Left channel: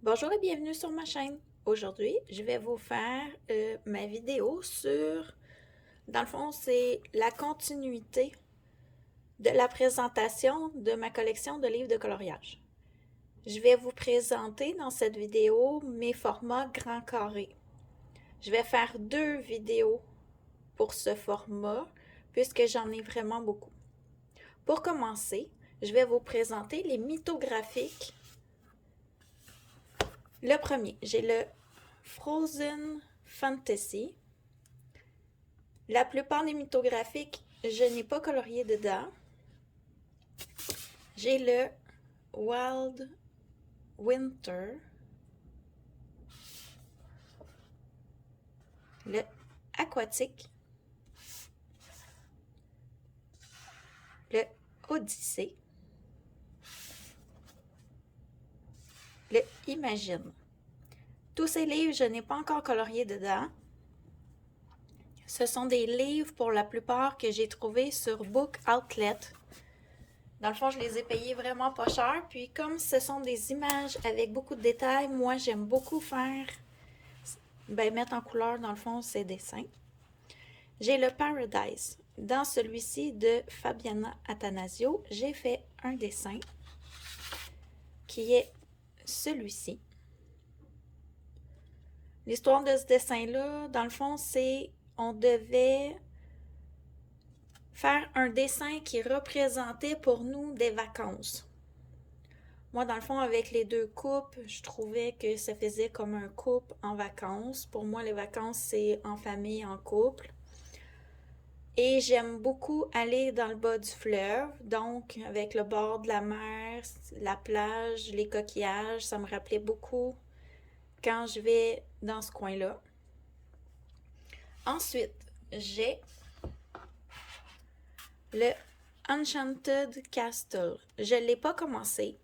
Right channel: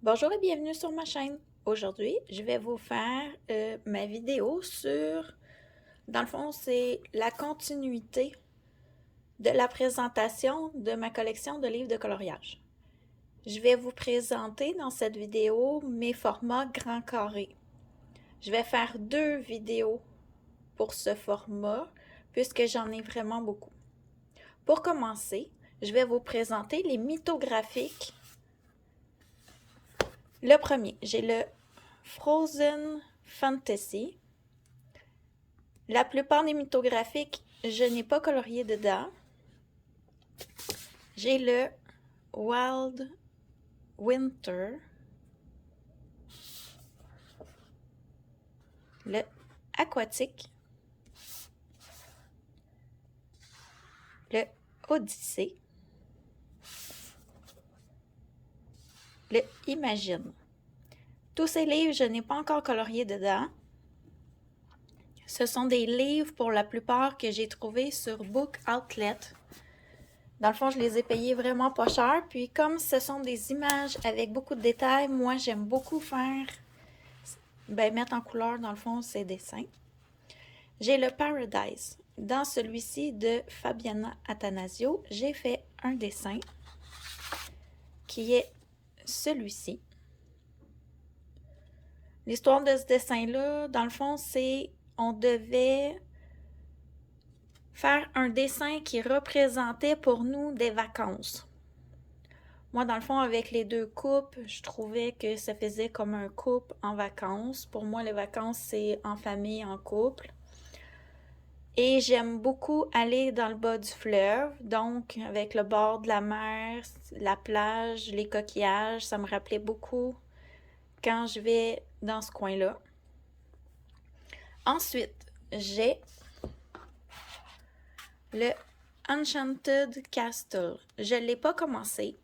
Bonjour et bienvenue sur ma chaîne. Aujourd'hui, je vais vous faire ma vidéo sur, dans le fond, c'est la continuité de la présentation de ma collection de livres de coloriage. Je vais vous présenter dans cette vidéo mes formats grand carré. Je vais faire 2 vidéos pour ce format puisque j'en ai vraiment beaucoup. Pour commencer, je vais vous présenter les mythographiques. Le premier, j'ai le Frozen Fantasy. La plupart des mythographiques, je n'ai pas colorié dedans. J'ai le Wild Winter, le Aquatique, le Odyssée, le Imagine. Tous ces livres, je n'ai pas encore colorié dedans. Ce sont des livres pour la plupart que j'ai trouvés sur Book Outlet. Dans le fond, je les ai payés vraiment pas cher. Puis comme ce sont des images avec beaucoup de détails, moi j'aime beaucoup faire, mettre en couleur dans le fond ces dessins. J'ai le Paradise. Dans celui-ci de Fabiana Attanasio, j'ai fait un dessin qui est celui-ci. L'histoire de ce dessin-là, dans le fond, c'est on devait faire un dessin qui représentait pour nous des vacances. Moi, dans le fond, avec les 2 coupes, je trouvais que ça faisait comme un couple en vacances. Pour moi, les vacances, c'est en famille, en couple. Et j'aime beaucoup aller dans le bas du fleuve, donc avec le bord de la mer, la plage, les coquillages, ça me rappelait beaucoup quand je vais dans ce coin-là. Ensuite, j'ai le Enchanted Castle. Je ne l'ai pas commencé,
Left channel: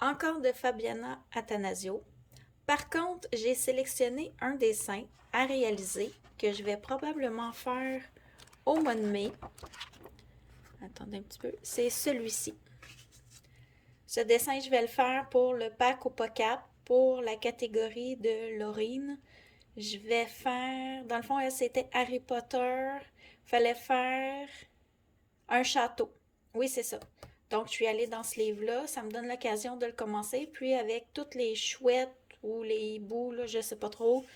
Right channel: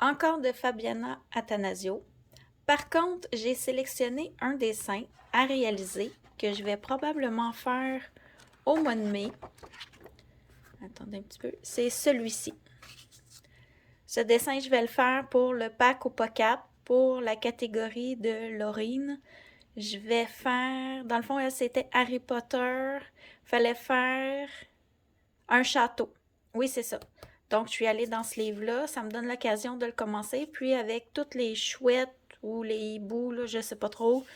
encore de Fabiana Attanasio. Par contre, j'ai sélectionné un dessin à réaliser que je vais probablement faire au mois de mai. Attendez un petit peu. C'est celui-ci. Ce dessin, je vais le faire pour le pack au POCAP, pour la catégorie de Laurine. Je vais faire, dans le fond, c'était Harry Potter. Fallait faire un château. Oui, c'est ça. Donc, je suis allée dans ce livre-là. Ça me donne l'occasion de le commencer. Puis, avec toutes les chouettes ou les hiboux, là, je sais pas trop,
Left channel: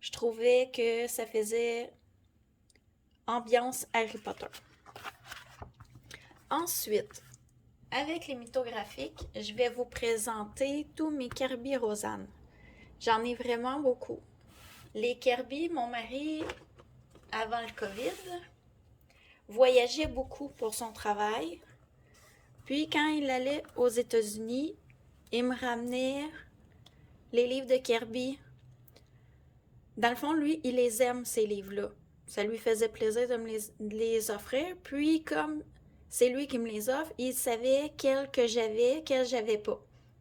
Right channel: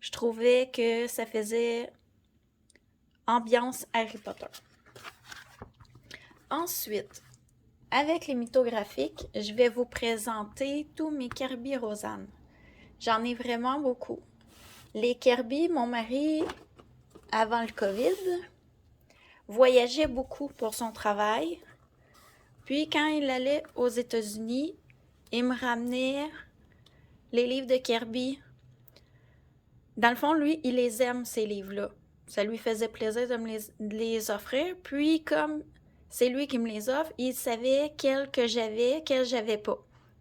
je trouvais que ça faisait ambiance Harry Potter. Ensuite, avec les mythographiques, je vais vous présenter tous mes Kirby Rosanne. J'en ai vraiment beaucoup. Les Kirby, mon mari, avant le COVID, voyageait beaucoup pour son travail. Puis quand il allait aux États-Unis, il me ramenait les livres de Kirby. Dans le fond, lui, il les aime, ces livres-là. Ça lui faisait plaisir de me les offrir. Puis comme c'est lui qui me les offre, il savait quels que j'avais pas.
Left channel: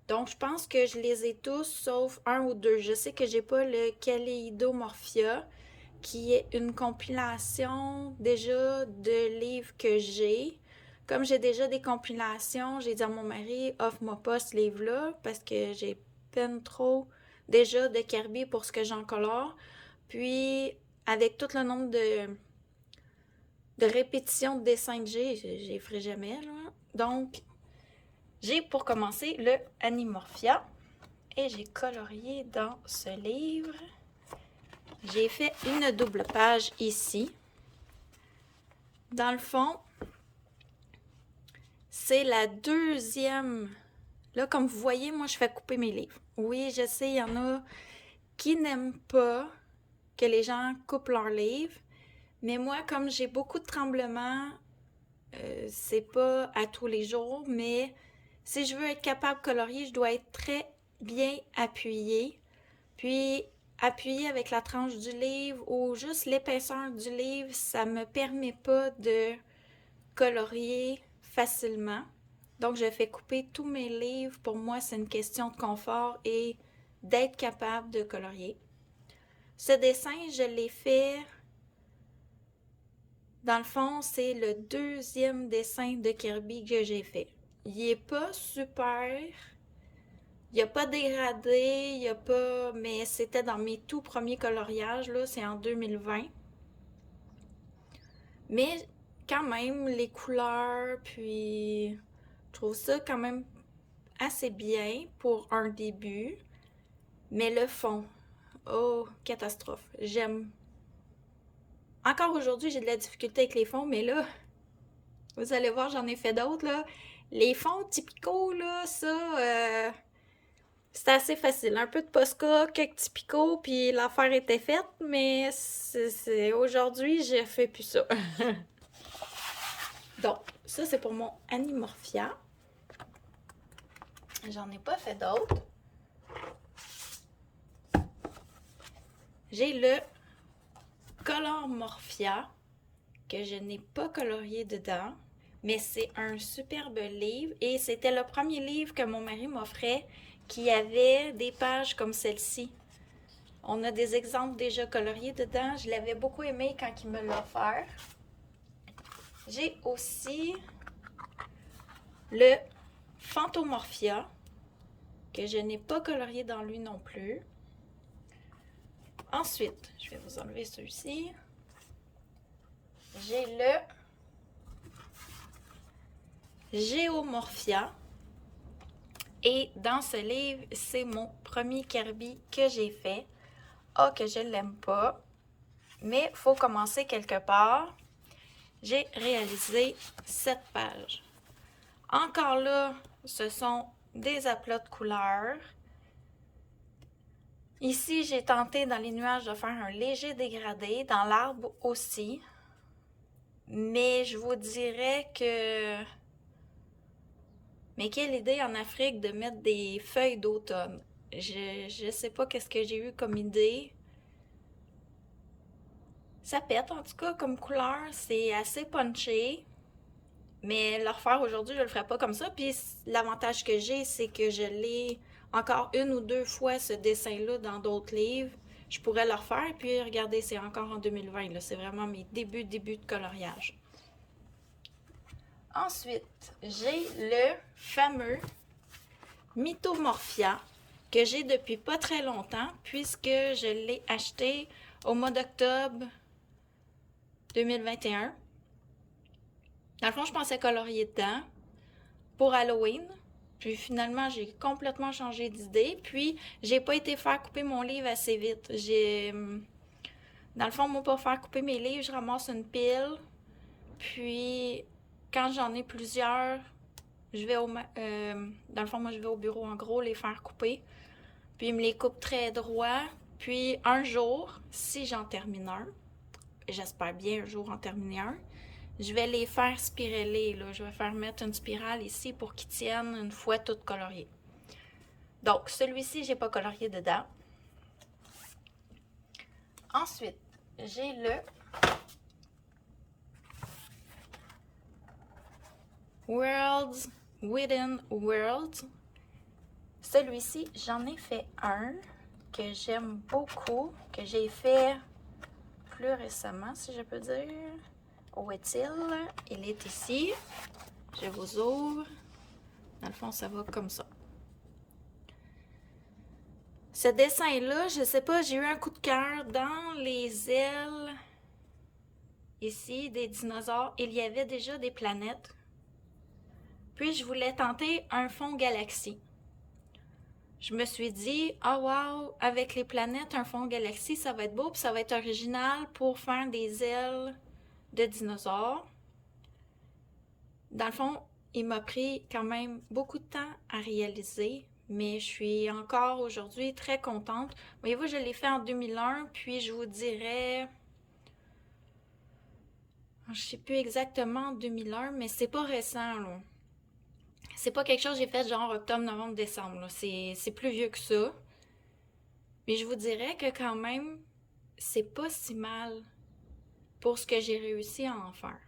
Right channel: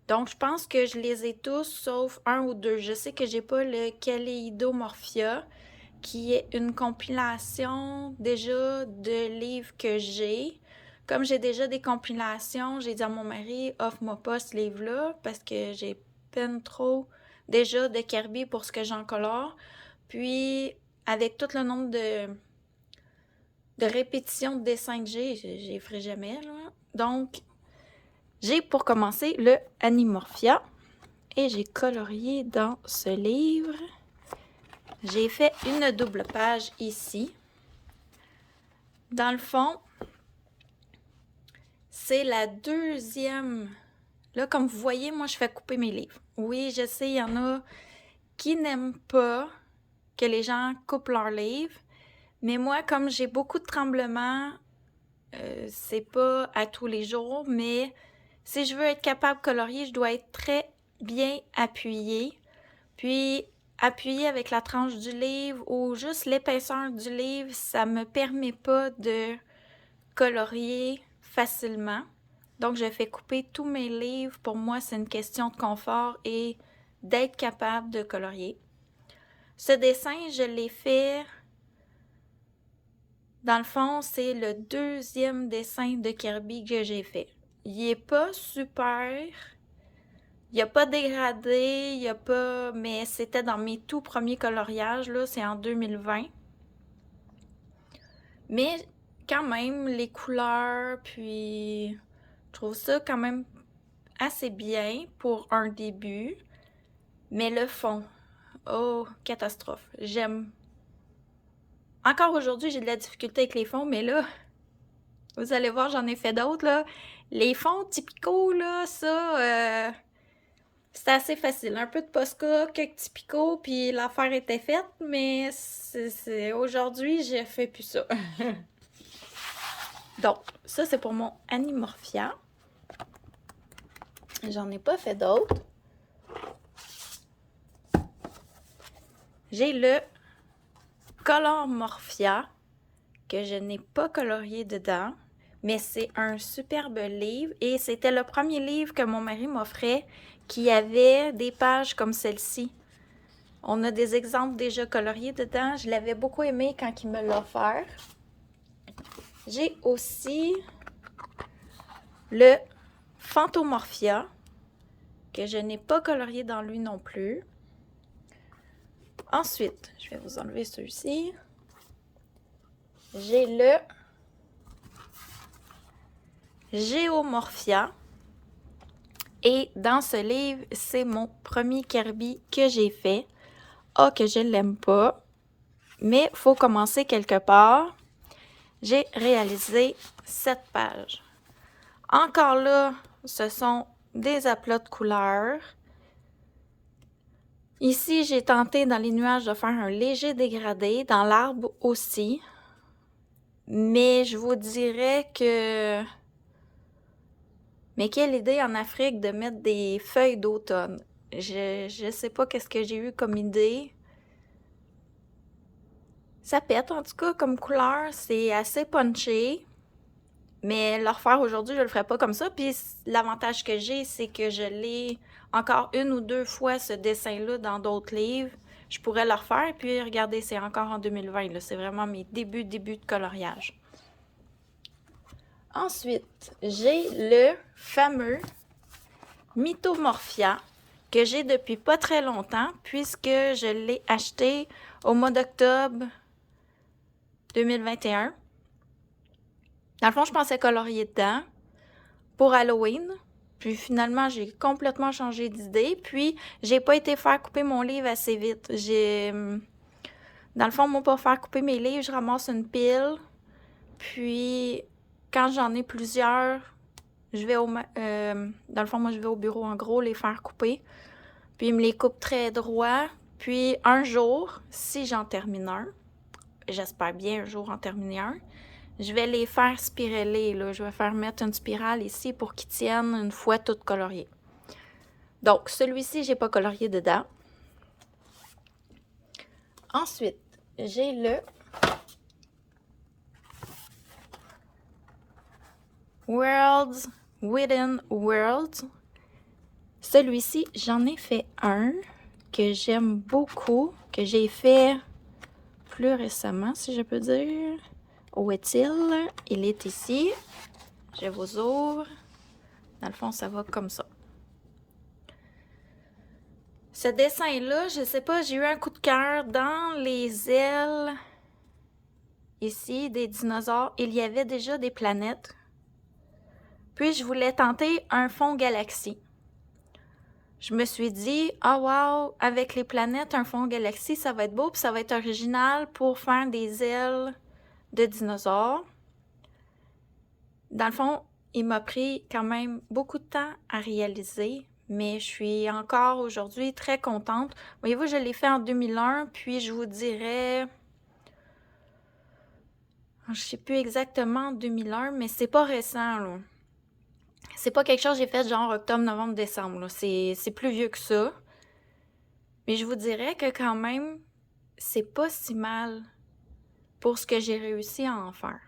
Donc, je pense que je les ai tous, sauf un ou deux. Je sais que j'ai pas le Kaleidomorphia, qui est une compilation déjà de livres que j'ai. Comme j'ai déjà des compilations, j'ai dit à mon mari, offre-moi pas ce livre-là, parce que j'ai peine trop déjà de Kirby pour ce que j'en colore. Puis, avec tout le nombre de répétitions de dessins que j'ai, j'y ferai jamais, là. Donc, j'ai pour commencer le Animorphia et j'ai colorié dans ce livre. J'ai fait une double page ici. Dans le fond, c'est la deuxième. Là, comme vous voyez, moi, je fais couper mes livres. Oui, je sais, il y en a qui n'aiment pas que les gens coupent leurs livres. Mais moi, comme j'ai beaucoup de tremblements, c'est pas à tous les jours, mais si je veux être capable de colorier, je dois être très bien appuyée. Puis, appuyer avec la tranche du livre ou juste l'épaisseur du livre, ça me permet pas de colorier facilement. Donc, je fais couper tous mes livres. Pour moi, c'est une question de confort et d'être capable de colorier. Ce dessin, je l'ai fait. Dans le fond, c'est le deuxième dessin de Kirby que j'ai fait. Il est pas super. Il n'y a pas dégradé, il n'y a pas... Mais c'était dans mes tout premiers coloriages, là, c'est en 2020. Mais quand même, les couleurs, puis je trouve ça quand même assez bien pour un début. Mais le fond, oh, catastrophe. J'aime. Encore aujourd'hui, j'ai de la difficulté avec les fonds, mais là, vous allez voir, j'en ai fait d'autres, là. Les fonds typicaux, là, ça, c'était assez facile. Un peu de Posca, quelques typicaux, puis l'affaire était faite, mais aujourd'hui, je fais plus ça. Donc, ça, c'est pour mon Animorphia. J'en ai pas fait d'autres. J'ai le Color Morphia, que je n'ai pas colorié dedans, mais c'est un superbe livre et c'était le premier livre que mon mari m'offrait qui avait des pages comme celle-ci. On a des exemples déjà coloriés dedans. Je l'avais beaucoup aimé quand il me l'a offert. J'ai aussi le Phantomorphia, que je n'ai pas colorié dans lui non plus. Ensuite, je vais vous enlever celui-ci. J'ai le Geomorphia. Et dans ce livre, c'est mon premier Kirby que j'ai fait. Ah, que je ne l'aime pas. Mais il faut commencer quelque part. J'ai réalisé cette page. Encore là, ce sont des aplats de couleurs. Ici, j'ai tenté dans les nuages de faire un léger dégradé, dans l'arbre aussi. Mais je vous dirais que... Mais quelle idée en Afrique de mettre des feuilles d'automne. Je sais pas qu'est-ce que j'ai eu comme idée. Ça pète en tout cas comme couleur, c'est assez punché. Mais le refaire aujourd'hui, je le ferai pas comme ça. Puis l'avantage que j'ai, c'est que je l'ai encore une ou deux fois ce dessin-là dans d'autres livres. Je pourrais le refaire. Puis regardez, c'est encore en 2020. Là. C'est vraiment mes débuts de coloriage. Ensuite, j'ai le fameux Mythomorphia que j'ai depuis pas très longtemps puisque je l'ai acheté au mois d'octobre 2021. Dans le fond, je pensais colorier dedans pour Halloween. Puis finalement, j'ai complètement changé d'idée. Puis, j'ai pas été faire couper mon livre assez vite. Dans le fond, moi, pour faire couper mes livres, je ramasse une pile. Puis, quand j'en ai plusieurs, je vais dans le fond, moi, je vais au bureau, en gros, les faire couper. Puis, ils me les coupent très droit. Puis, un jour, si j'en termine un, j'espère bien un jour en terminer un, je vais les faire spiraler, là. Je vais faire mettre une spirale ici pour qu'ils tiennent une fois toutes coloriées. Donc, celui-ci, j'ai pas colorié dedans. Ensuite, j'ai le Worlds Within Worlds. Celui-ci, j'en ai fait un que j'aime beaucoup, que j'ai fait plus récemment, si je peux dire. Où est-il? Il est ici. Je vous ouvre. Dans le fond, ça va comme ça. Ce dessin-là, je sais pas, j'ai eu un coup de cœur dans les ailes ici des dinosaures. Il y avait déjà des planètes. Puis, je voulais tenter un fond galaxie. Je me suis dit, ah wow, avec les planètes, un fond galaxie, ça va être beau, puis ça va être original pour faire des ailes de dinosaures. Dans le fond, il m'a pris quand même beaucoup de temps à réaliser, mais je suis encore aujourd'hui très contente. Voyez-vous, je l'ai fait en 2001, puis je vous dirais, je ne sais plus exactement 2001, mais c'est pas récent, là. C'est pas quelque chose que j'ai fait genre octobre, novembre, décembre, c'est plus vieux que ça. Mais je vous dirais que quand même, c'est pas si mal pour ce que j'ai réussi à en faire.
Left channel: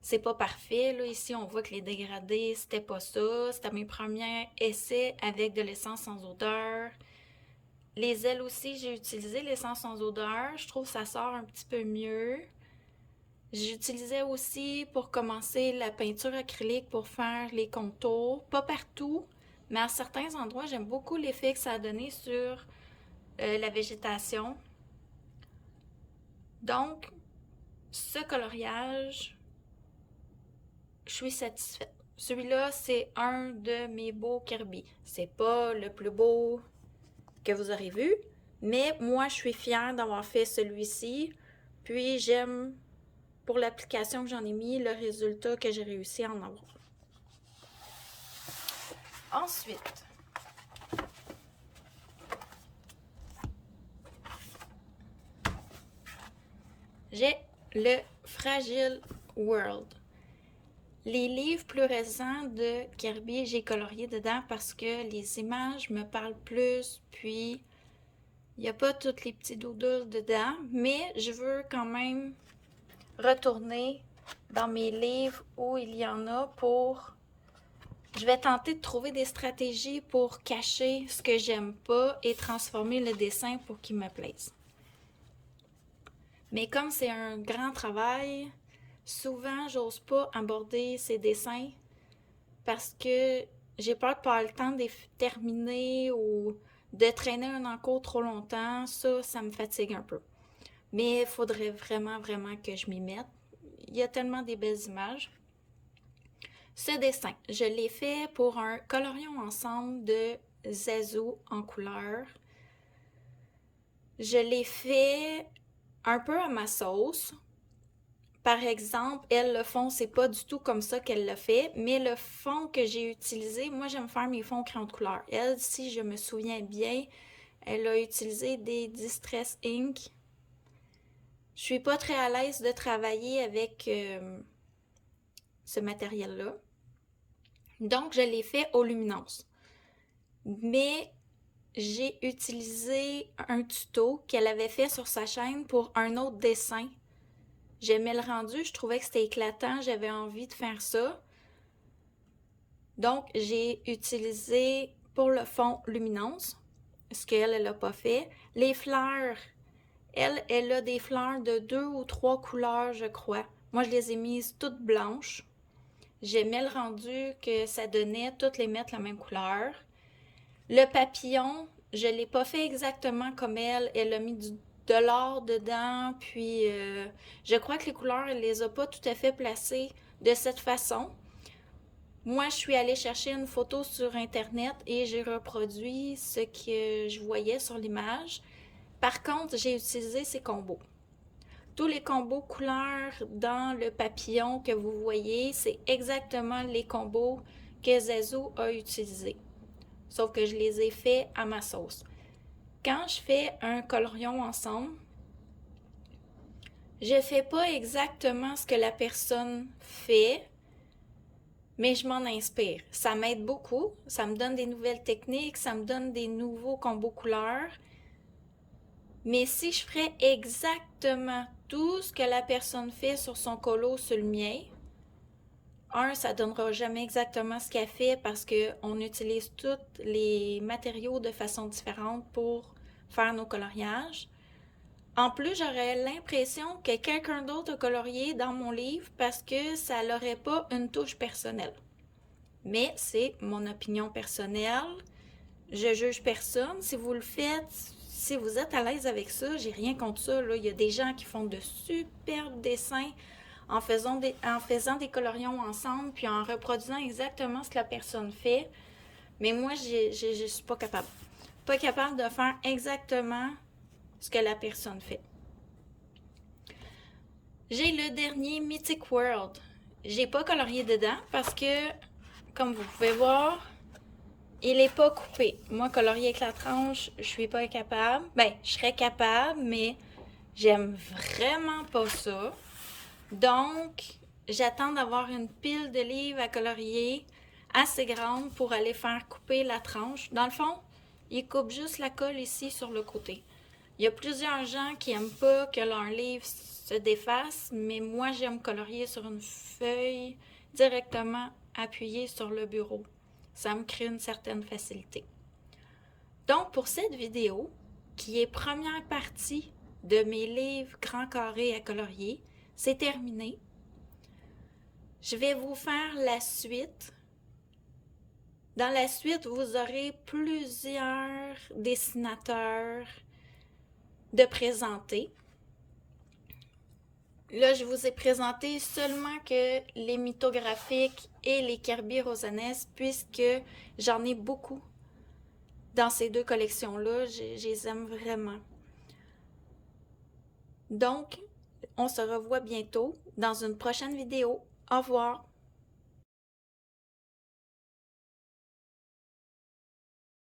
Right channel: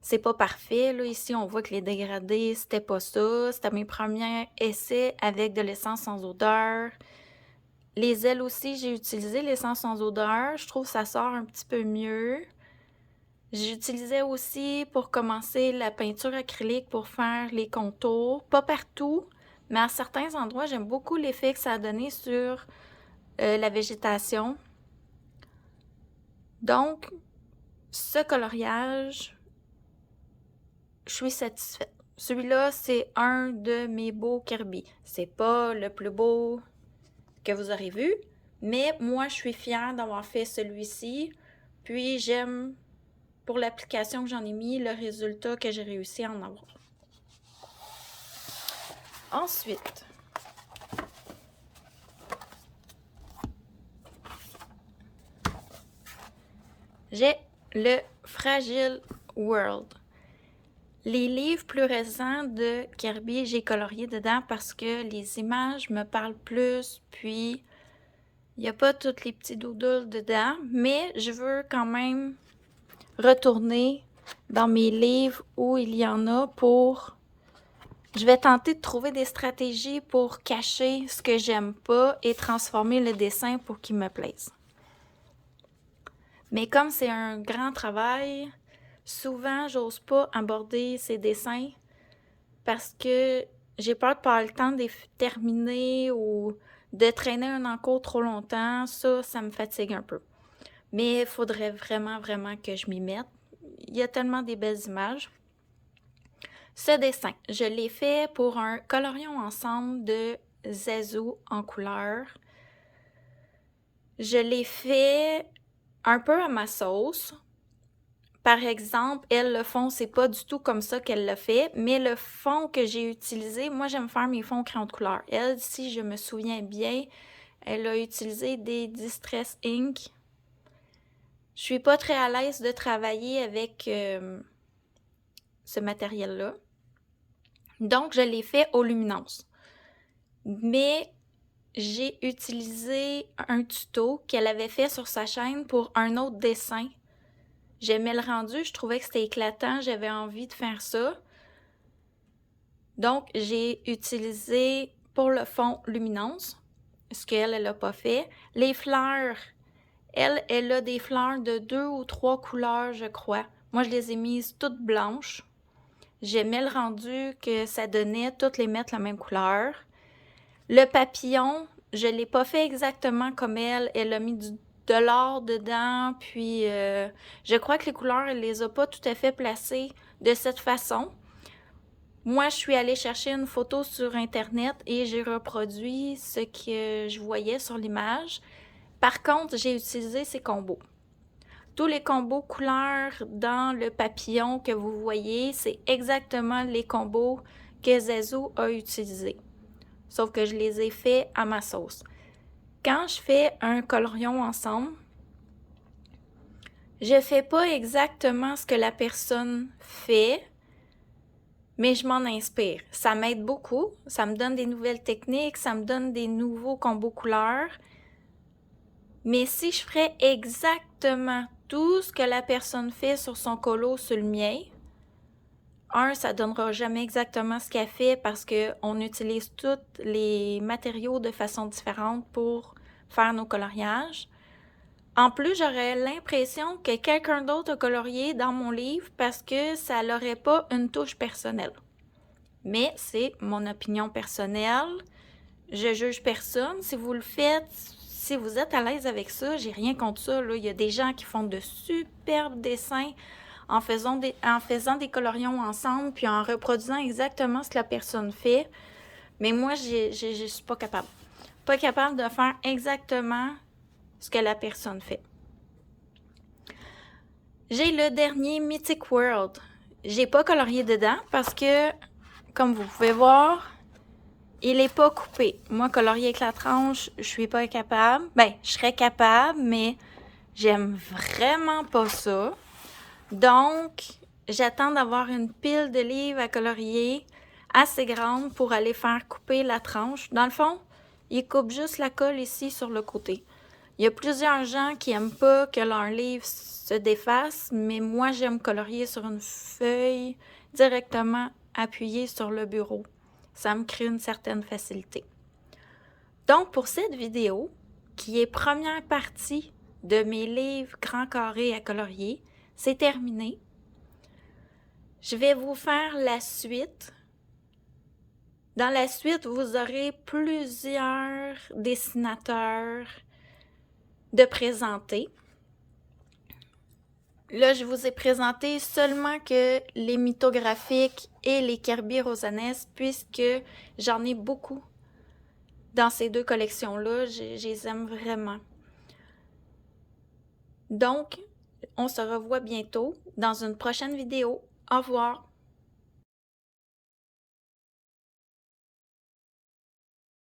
C'est pas parfait, là. Ici, on voit que les dégradés, c'était pas ça. C'était mes premiers essais avec de l'essence sans odeur. Les ailes aussi, j'ai utilisé l'essence sans odeur. Je trouve que ça sort un petit peu mieux. J'utilisais aussi pour commencer la peinture acrylique pour faire les contours. Pas partout, Mais à certains endroits, j'aime beaucoup l'effet que ça a donné sur la végétation. Donc, ce coloriage, je suis satisfaite. Celui-là, c'est un de mes beaux Kirby. C'est pas le plus beau que vous aurez vu, mais moi, je suis fière d'avoir fait celui-ci. Puis, j'aime, pour l'application que j'en ai mis, le résultat que j'ai réussi à en avoir. Ensuite, j'ai le Fragile World. Les livres plus récents de Kirby, j'ai colorié dedans parce que les images me parlent plus, puis il n'y a pas tous les petits doodles dedans, mais je veux quand même retourner dans mes livres où il y en a pour... Je vais tenter de trouver des stratégies pour cacher ce que j'aime pas et transformer le dessin pour qu'il me plaise. Mais comme c'est un grand travail, souvent, j'ose pas aborder ces dessins parce que j'ai peur de pas avoir le temps de les terminer ou de traîner un encours trop longtemps. Ça me fatigue un peu. Mais il faudrait vraiment, vraiment que je m'y mette. Il y a tellement des belles images. Ce dessin, je l'ai fait pour un colorion ensemble de Zazou en couleur. Je l'ai fait un peu à ma sauce. Par exemple, elle, le fond, c'est pas du tout comme ça qu'elle l'a fait, mais le fond que j'ai utilisé, moi, j'aime faire mes fonds crayon de couleur. Elle, si je me souviens bien, elle a utilisé des Distress Ink. Je suis pas très à l'aise de travailler avec ce matériel-là. Donc, je l'ai fait aux luminances. Mais j'ai utilisé un tuto qu'elle avait fait sur sa chaîne pour un autre dessin. J'aimais le rendu, je trouvais que c'était éclatant, j'avais envie de faire ça. Donc, j'ai utilisé pour le fond luminance, ce qu'elle n'a pas fait. Les fleurs, elle a des fleurs de 2 ou 3 couleurs, je crois. Moi, je les ai mises toutes blanches. J'aimais le rendu que ça donnait, toutes les mettre la même couleur. Le papillon, je ne l'ai pas fait exactement comme elle. Elle a mis de l'or dedans, puis je crois que les couleurs, elle ne les a pas tout à fait placées de cette façon. Moi, je suis allée chercher une photo sur Internet et j'ai reproduit ce que je voyais sur l'image. Par contre, j'ai utilisé ces combos. Tous les combos couleurs dans le papillon que vous voyez, c'est exactement les combos que Zazou a utilisés. Sauf que je les ai faits à ma sauce. Quand je fais un colorion ensemble, je fais pas exactement ce que la personne fait, mais je m'en inspire. Ça m'aide beaucoup, ça me donne des nouvelles techniques, ça me donne des nouveaux combos couleurs. Mais si je ferais exactement tout ce que la personne fait sur son colo sur le mien, ça donnera jamais exactement ce qu'elle fait parce qu'on utilise tous les matériaux de façon différente pour faire nos coloriages. En plus, j'aurais l'impression que quelqu'un d'autre a colorié dans mon livre parce que ça n'aurait pas une touche personnelle. Mais c'est mon opinion personnelle. Je juge personne. Si vous le faites, si vous êtes à l'aise avec ça, j'ai rien contre ça. Là. Il y a des gens qui font de superbes dessins en faisant des colorions ensemble puis en reproduisant exactement ce que la personne fait. Mais moi, je suis pas capable. Pas capable de faire exactement ce que la personne fait. J'ai le dernier Mythic World. J'ai pas colorié dedans parce que, comme vous pouvez voir, il n'est pas coupé. Moi, colorier avec la tranche, je suis pas capable. Ben, je serais capable, mais j'aime vraiment pas ça. Donc, j'attends d'avoir une pile de livres à colorier assez grande pour aller faire couper la tranche. Dans le fond, il coupe juste la colle ici sur le côté. Il y a plusieurs gens qui n'aiment pas que leur livre se défasse, mais moi, j'aime colorier sur une feuille directement appuyée sur le bureau. Ça me crée une certaine facilité. Donc, pour cette vidéo, qui est première partie de mes livres grands carrés à colorier, c'est terminé. Je vais vous faire la suite Dans la suite, vous aurez plusieurs dessinateurs de présenter. Là, je vous ai présenté seulement que les mythographiques et les Kirby Rosanesque, puisque j'en ai beaucoup dans ces deux collections-là. Je les aime vraiment. Donc, on se revoit bientôt dans une prochaine vidéo. Au revoir!